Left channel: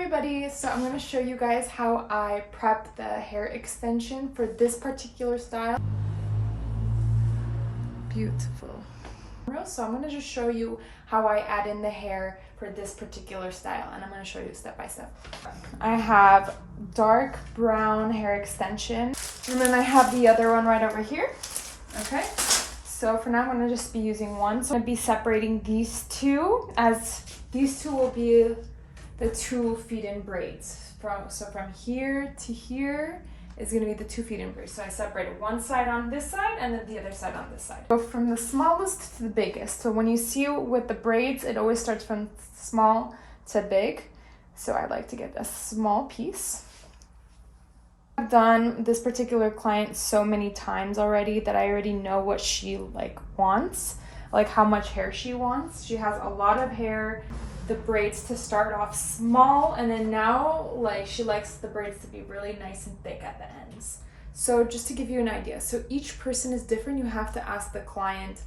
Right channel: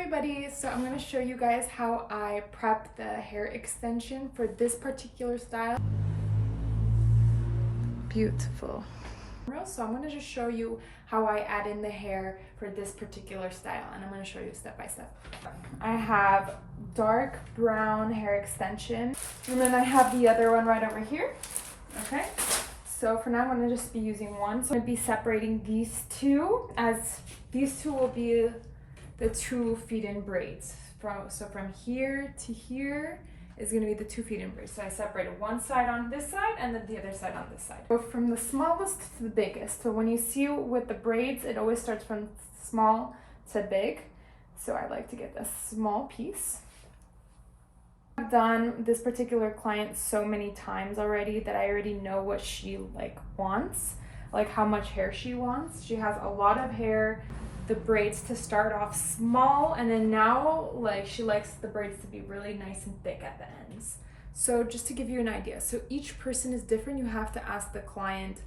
everybody, so I'm going to show you guys how I prep the hair extension for this particular style. Beautiful. So I'm going to just show you how I add in the hair for this particular style, and I'm going to show you step by step. I have dark brown hair extension, and then I have the other one right over here. Okay, so for now I'm going to just be using one. So I'm going to be separating these two, as these two will be the 2 feed-in braids. So from here to here is going to be the 2 feed-in braids. So I separated one side on this side and then the other side on this side. So from the smallest to the biggest. So when you see with the braids, it always starts from small to big. So I like to get a small piece. I've done this particular client so many times already that I already know what she wants, like how much hair she wants. She has a lot of hair. The braids to start off small, and then now she likes the braids to be really nice and thick at the ends. So just to give you an idea, so each person is different. You have to ask the client,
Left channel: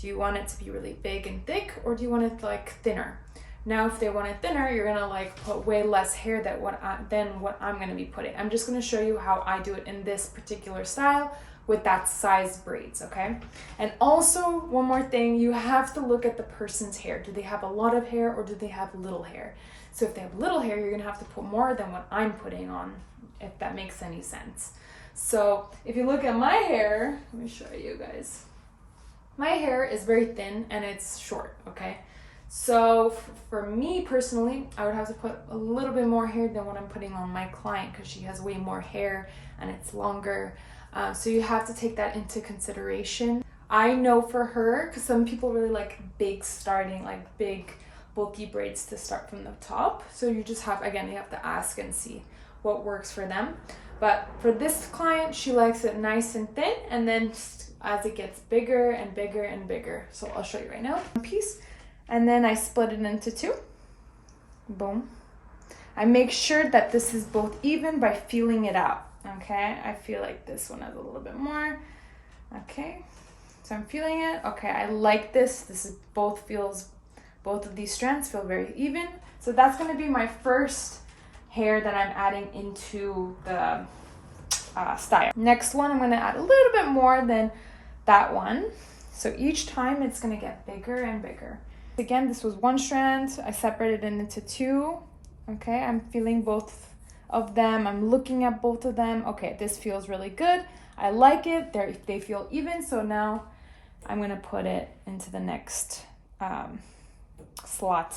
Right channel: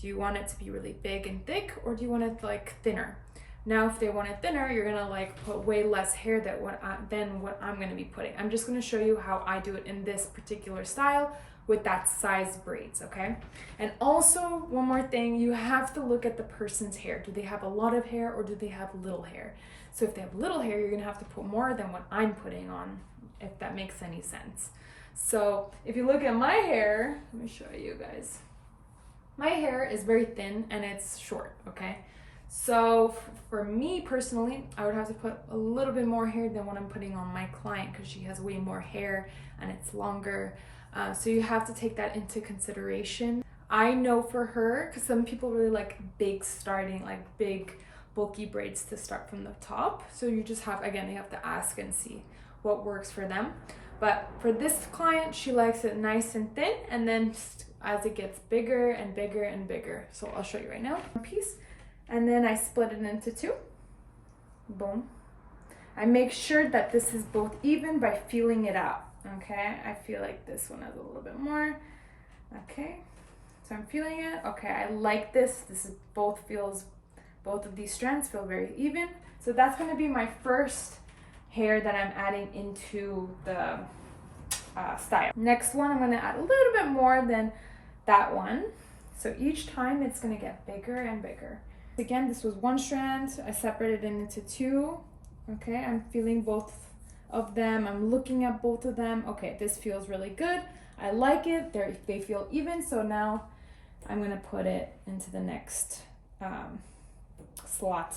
do you want it to be really big and thick, or do you want it thinner? Now if they want it thinner, you're gonna put way less hair than what I'm gonna be putting. I'm just gonna show you how I do it in this particular style with that size braids, okay? And also, one more thing, you have to look at the person's hair. Do they have a lot of hair or do they have little hair? So if they have little hair, you're gonna have to put more than what I'm putting on, if that makes any sense. So if you look at my hair, let me show you guys. My hair is very thin and it's short, okay? So for me personally, I would have to put a little bit more hair than what I'm putting on my client because she has way more hair and it's longer. So you have to take that into consideration. I know for her, because some people really like big bulky braids to start from the top. So you just have, again, you have to ask and see what works for them. But for this client, she likes it nice and thin, and then as it gets bigger and bigger and bigger. So I'll show you right now. One piece, and then I split it into 2. Boom. I make sure that this is both even by feeling it out. Okay, I feel like this one has a little bit more. Okay, so I'm feeling it. Okay, I like this. This is both of these strands feel very even. So that's going to be my first hair that I'm adding into the style. Next one, I'm going to add a little bit more than that one. So each time it's going to get bigger and bigger. Again, this was 1 strand. I separated it into 2. Okay, I'm feeling both of them. I'm looking at both of them. Okay, this feels really good. I like it. They feel even. So now I'm gonna put it into the next slot.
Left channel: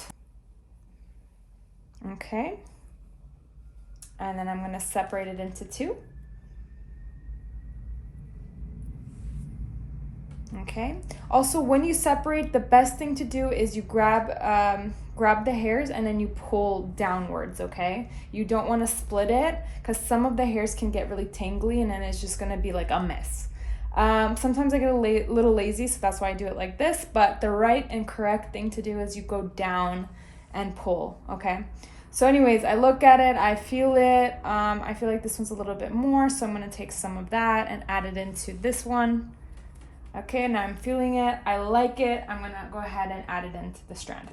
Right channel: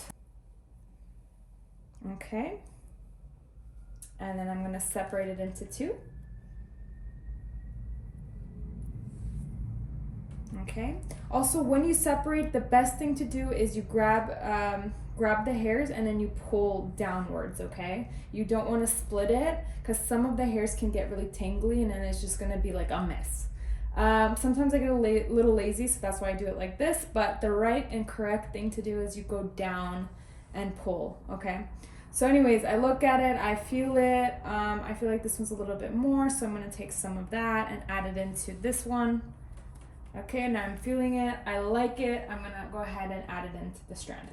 Okay, and then I'm gonna separate it into 2. Okay, also when you separate, the best thing to do is you grab the hairs and then you pull downwards, okay? You don't want to split it because some of the hairs can get really tangly and then it's just going to be like a mess. Sometimes I get a little lazy, so that's why I do it like this, but the right and correct thing to do is you go down and pull, okay? So anyways, I look at it, I feel it, I feel like this one's a little bit more, so I'm going to take some of that and add it into this one. Okay, now I'm feeling it, I like it, I'm going to go ahead and add it into the strand.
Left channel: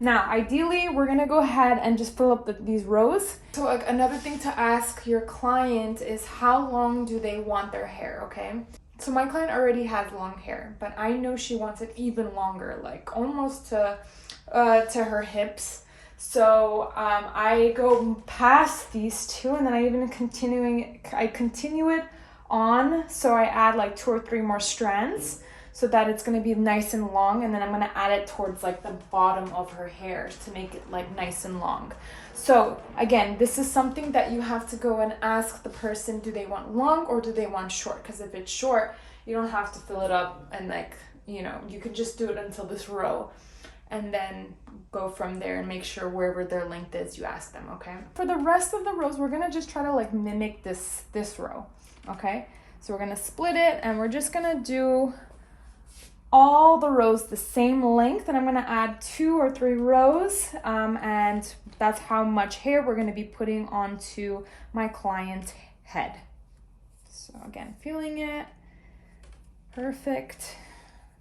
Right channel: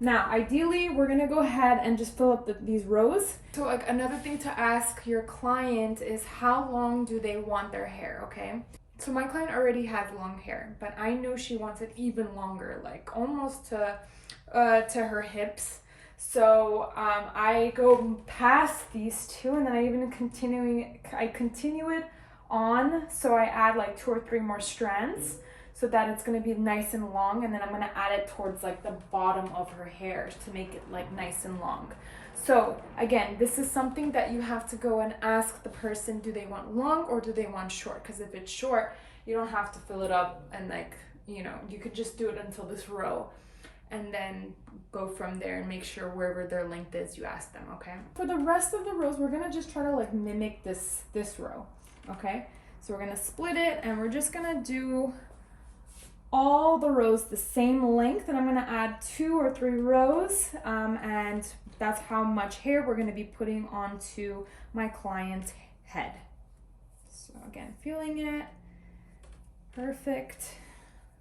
Now, ideally, we're gonna go ahead and just fill up these rows. So another thing to ask your client is how long do they want their hair, okay? So my client already has long hair, but I know she wants it even longer, almost to her hips. So I go past these 2 and then I continue it on. So I add 2 or 3 more strands, so that it's going to be nice and long, and then I'm going to add it towards the bottom of her hair to make it nice and long. So again, this is something that you have to go and ask the person, do they want long or do they want short? Because if it's short, you don't have to fill it up and you could just do it until this row and then go from there and make sure wherever their length is, you ask them, okay? For the rest of the rows, we're going to just try to mimic this row, okay? So we're going to split it and we're just going to do all the rows the same length, and I'm going to add 2 or 3 rows, and that's how much hair we're going to be putting onto my client's head. So again, feeling it. Perfect.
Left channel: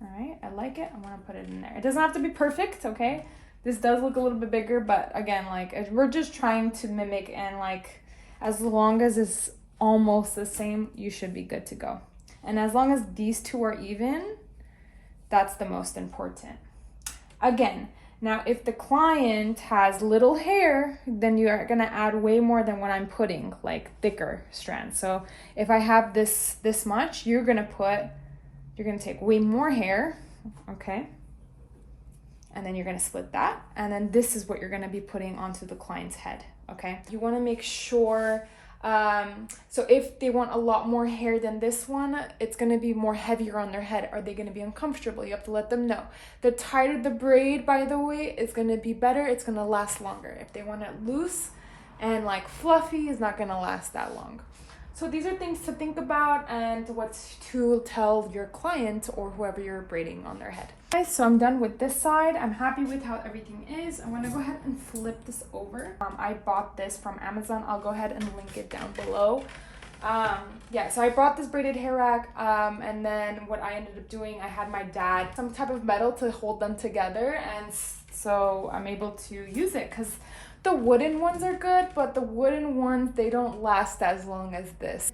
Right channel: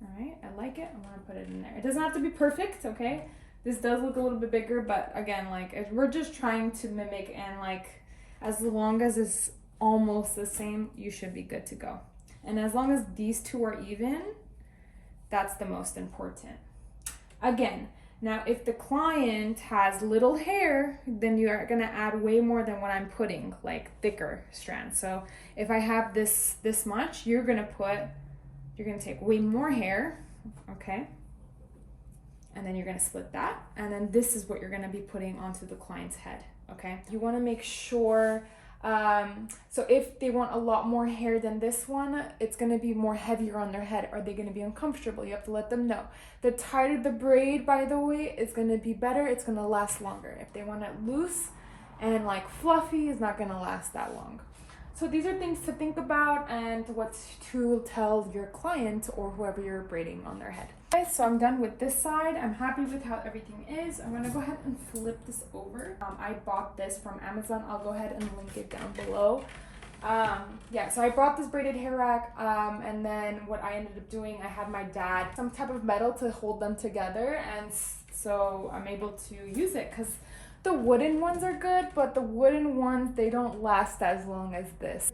All right, I like it. I'm going to put it in there. It doesn't have to be perfect, okay? This does look a little bit bigger, but again, like we're just trying to mimic, and like as long as it's almost the same, you should be good to go. And as long as these two are even, that's the most important. Again, now if the client has little hair, then you are gonna add way more than what I'm putting, like thicker strands. So if I have this much, you're gonna take way more hair, okay? And then you're gonna split that. And then this is what you're gonna be putting onto the client's head, okay? You wanna make sure, so if they want a lot more hair than this one, it's gonna be more heavier on their head. Are they gonna be uncomfortable? You have to let them know. The tighter the braid, by the way, is gonna be better. It's gonna last longer. If they want it loose and like fluffy, it's not gonna last that long. So these are things to think about and what to tell your client or whoever you're braiding on their head. Okay, so I'm done with this side. I'm happy with how everything is. I'm gonna go ahead and flip this over. I bought this from Amazon. I'll go ahead and link it down below. Yeah, so I bought this braided hair rack, and then what I ended up doing, I had my dad some type of metal to hold them together, and so I'm able to use it because the wooden ones are good, but the wooden ones, they don't last as long as this.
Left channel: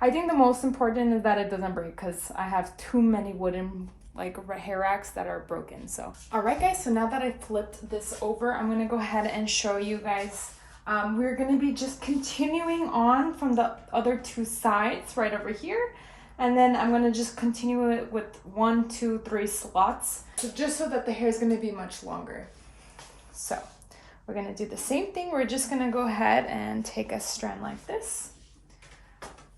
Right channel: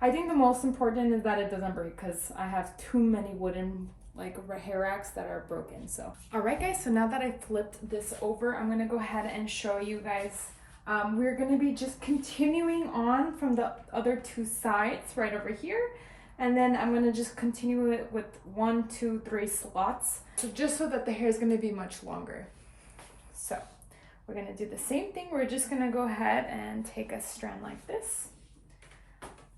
I think the most important is that it doesn't break because I have too many wooden like hair racks that are broken. So, all right guys, so now that I flipped this over, I'm gonna go ahead and show you guys. We're gonna be just continuing on from the other two sides right over here. And then I'm gonna just continue it with 1, 2, 3 slots. So just so that the hair is gonna be much longer. So we're gonna do the same thing. We're just gonna go ahead and take a strand like this.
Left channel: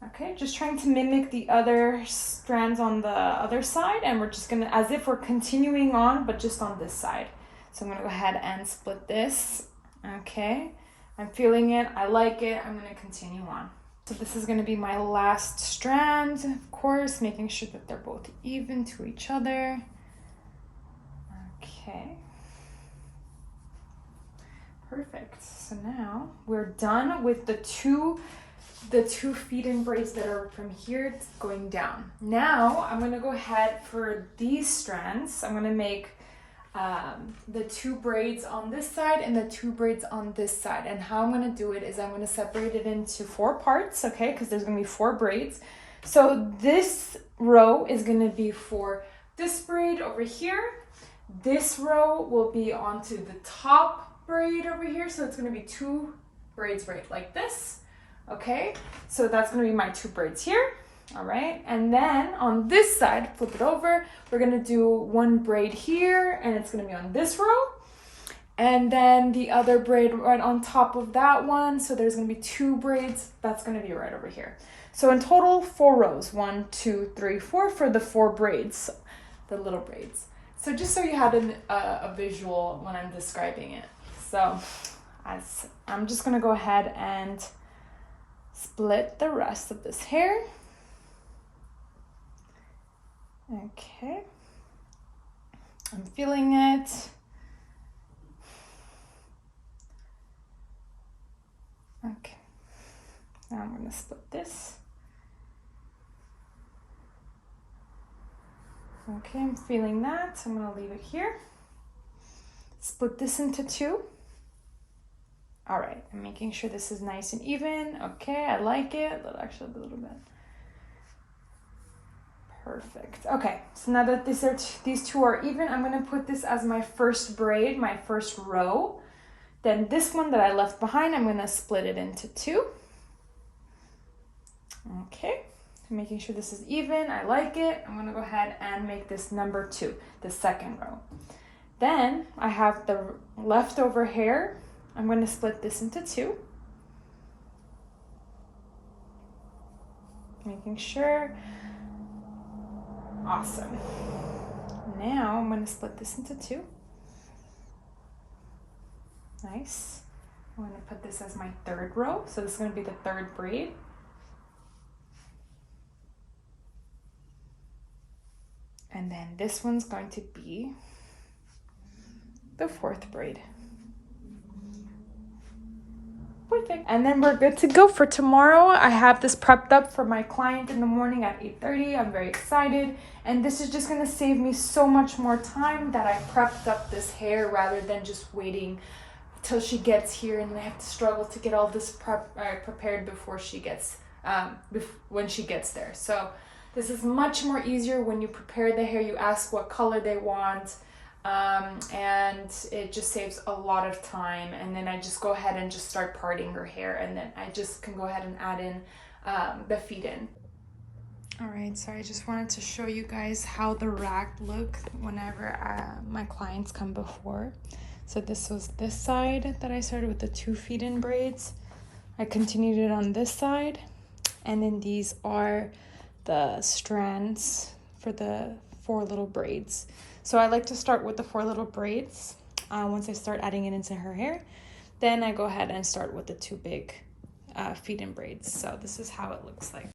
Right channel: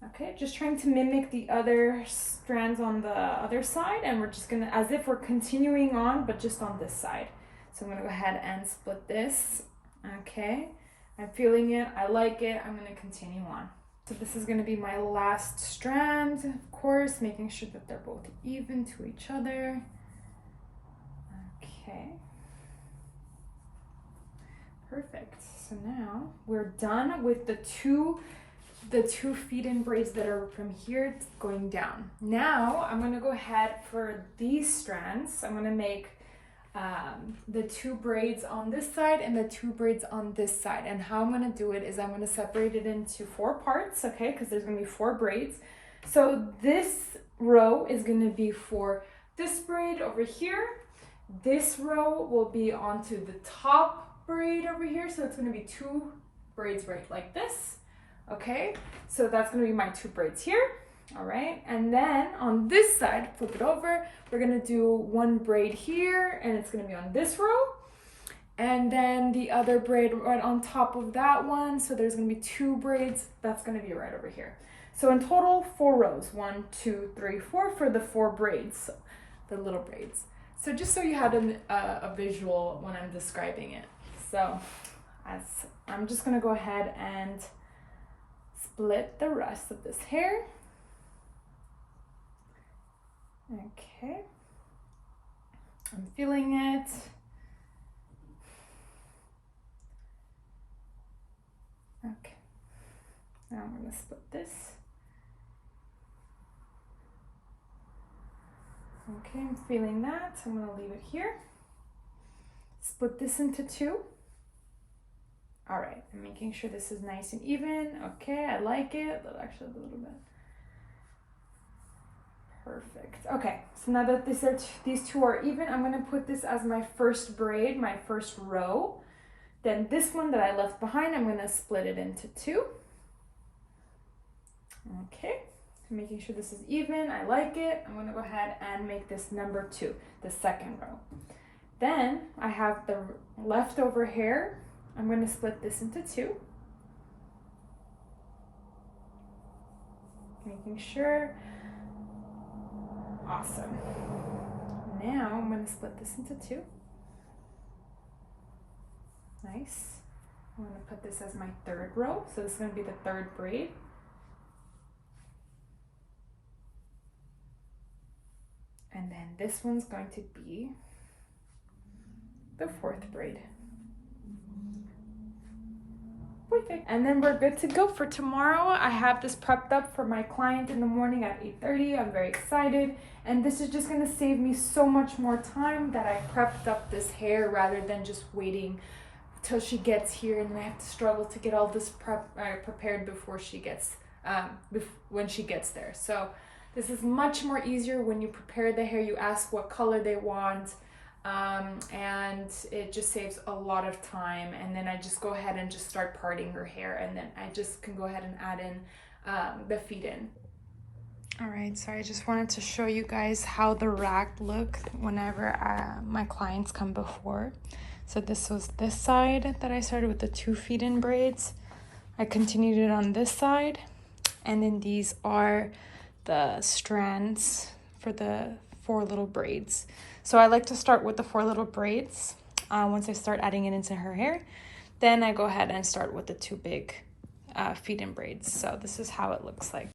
Okay, just trying to mimic the other strands on the other side, and we're just gonna, as if we're continuing on, but just on this side. So I'm gonna go ahead and split this. Okay, I'm feeling it, I like it, I'm gonna continue on. So this is gonna be my last strand, of course, making sure that they're both even to each other. Okay. Perfect. So now we're done with the two feed-in braids that are from here going down. Now I'm gonna go ahead for these strands. I'm gonna make the 2 braids on this side and the 2 braids on this side. And how I'm gonna do it is I'm gonna separate it into 4 parts, okay? Because there's gonna be 4 braids. So this row is gonna be for this braid over here. This row will be onto the top braid over here. So it's gonna be 2 braids right like this. Okay, so that's gonna be my 2 braids here. All right, and then on this side, flip it over, we're gonna do 1 braid here, and it's gonna be on this row, and then the other braid right on top of that one. So there's gonna be 2 braids, that's gonna be right over here. So in total, 4 rows, 1, 2, 3, 4 for the 4 braids, the little braids. So just so you have a visual when I'm describing it. So I'm just gonna go ahead and split the rest of this hair. Okay, I'm feeling it. Okay, now I'm going to split this. Okay, I'm feeling that, so I'm going to leave it here. Split this into 2. All right, I'm making sure this is nice and even. Okay, I like it. Actually, a little bit. Perfect. Okay, so now that these 2 are even, I'm gonna put this as my first braid, my first row. Then this one that I left behind, I'm gonna split it into 2. Okay, so making sure this is even, I like it. I'm gonna go ahead and make this number 2, the second row. Then I have the leftover hair. I'm going to split this into 2. Making sure. Awesome. Now I'm going to split this into 2. Nice. I'm going to put this as my 3rd row. So this is going to be the 3rd braid. And then this one's going to be the 4th braid. Perfect. And then we're good to go for tomorrow. I have this prepped up for my client in the morning at 8:30. I'm very excited. And this is just gonna save me so much more time that I prepped up this hair rather than just waiting till she gets here and then I have to struggle to get all this prepared before she gets, when she gets there. So this is much more easier when you prepare the hair. You ask what color they want, and it just saves a lot of time. And then I just go ahead and just start parting her hair, and then I just can go ahead and add in the feed-in. All right, so I just wanted to show you guys how the rack look whenever my clients come before. So this was this side that I started with the 2 feed-in braids. I continued it on this side, and then these are the strands for the 4 little braids. So I like to start with the 4 little braids. Once I start adding it into her hair, then I go ahead and start with the 2 big feed-in braids. So this is how it looks like.